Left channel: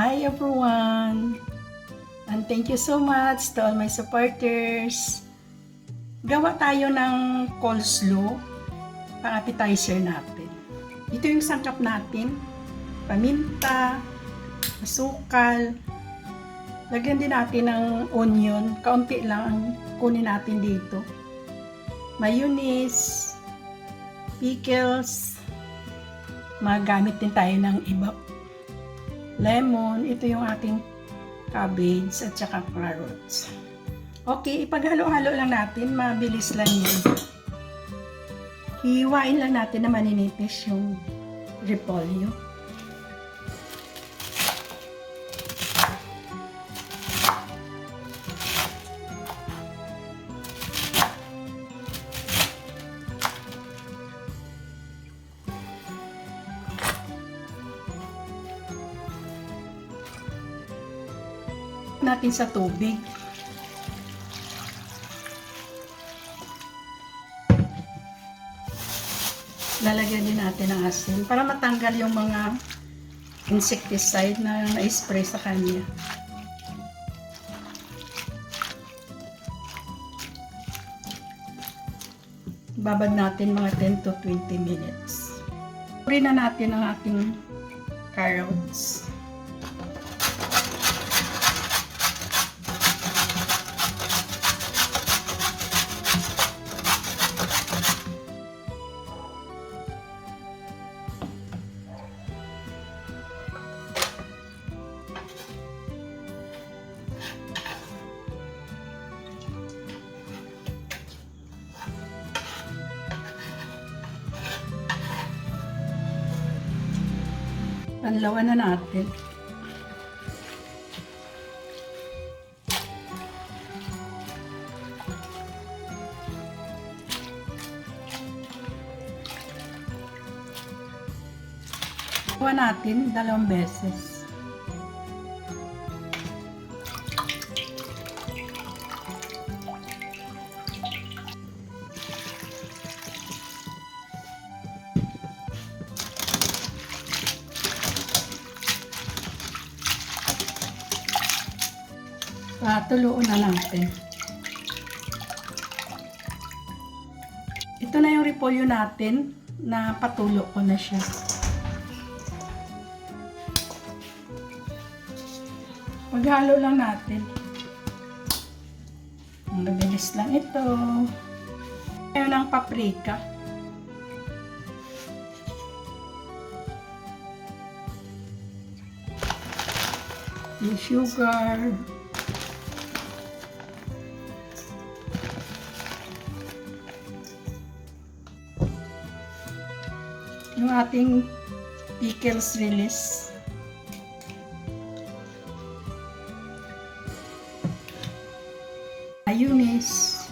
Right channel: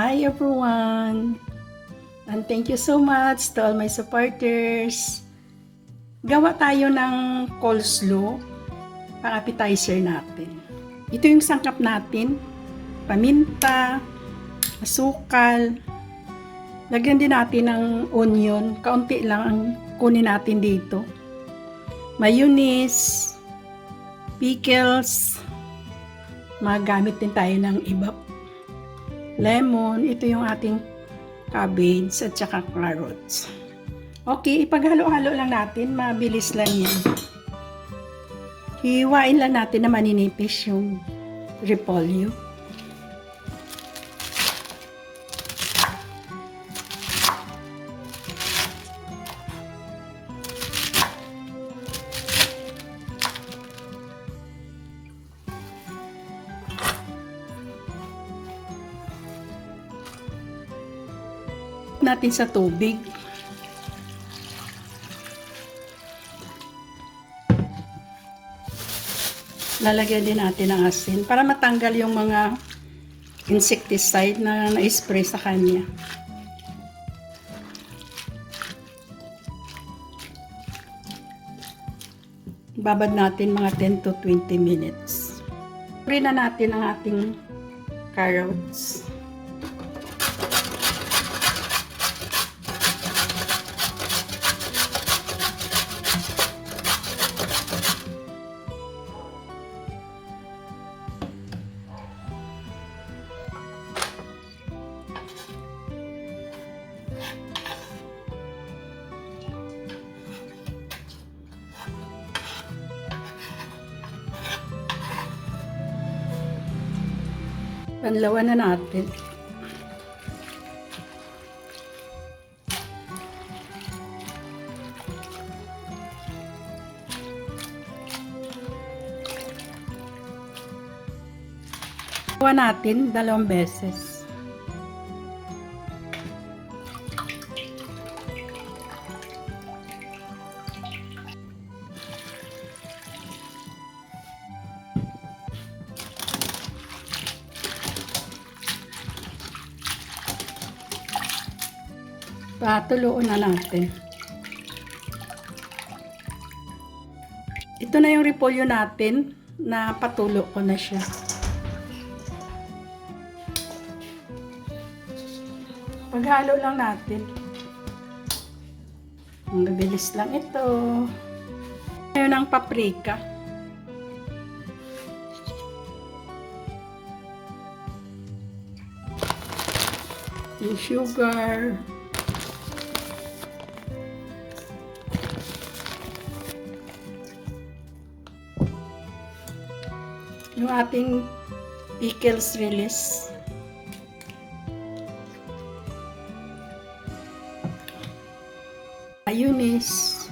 Hi everyone! And thank you so much to all my supporters. Gawa tayo ng coleslaw, pang-appetizer natin. Ito yung sangkap natin. Paminta, asukal. Lagyan din natin ng onion. Kaunti lang ang kunin natin dito. Mayonnaise, pickles. Magamit din tayo ng iba. Lemon, ito yung ating cabbage at saka carrots. Okay, ipaghalo-halo lang natin, mabilis lang yun. Hiwain lang natin na maninipis yung repolyo. Natin sa tubig. Lalagyan din natin ng asin para matanggal yung mga insecticide na na-spray sa kanya. Babad natin mga 10 to 20 minutes. Puri na natin ang ating carrots. Panlawan na natin. Panlawan natin 2 beses. Patuluin na natin. Ito na yung repolyo natin na patulo ko na siya. Paghalo lang natin. Ang mabilis lang ito. Ngayon ang paprika. Yung sugar. Yung ating pickles release. Mayonnaise.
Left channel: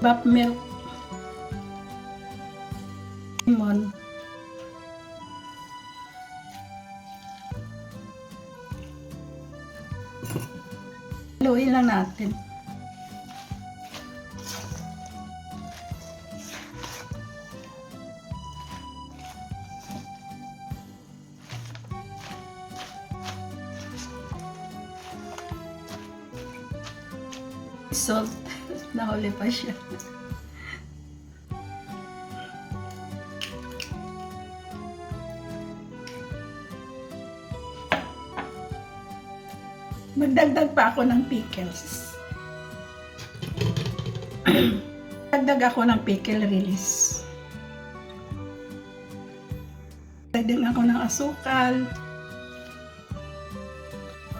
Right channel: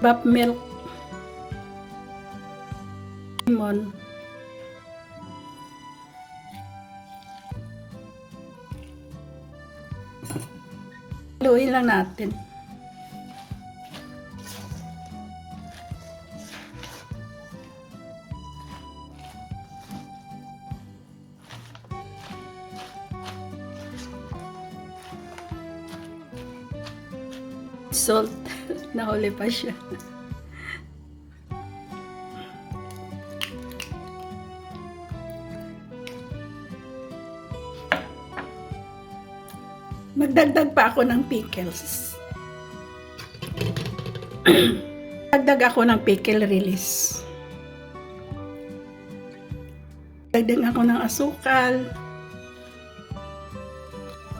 Bap milk. Lemon. Haluin lang natin. Salt. Nahuli pa siya. Magdagdag pa ako ng pickles. Dagdag ako ng pickle release. Dagdag ako ng asukal.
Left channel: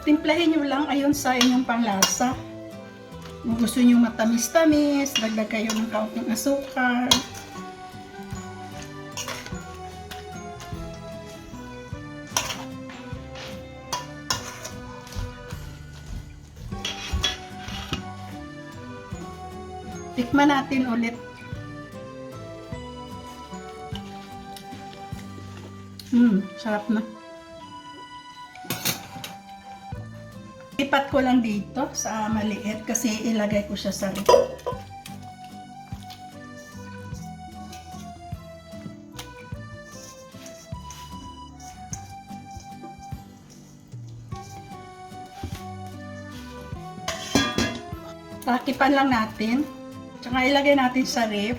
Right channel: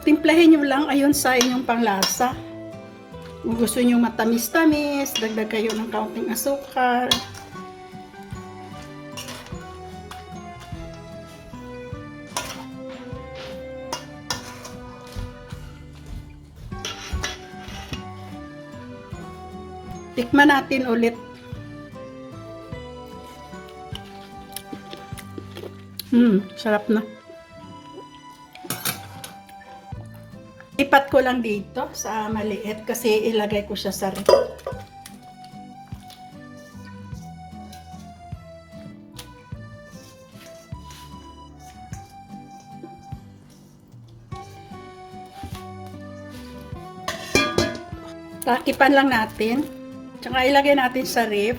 Timplahin nyo lang ayon sa inyong panglasa. Kung gusto nyo matamis-tamis, dagdag kayo ng kaunting asukal. Tikman natin ulit. Sarap na. Ipat ko lang dito sa maliit kasi ilagay ko siya sa ref. Takipan lang natin. Tsaka ilagay natin sa ref.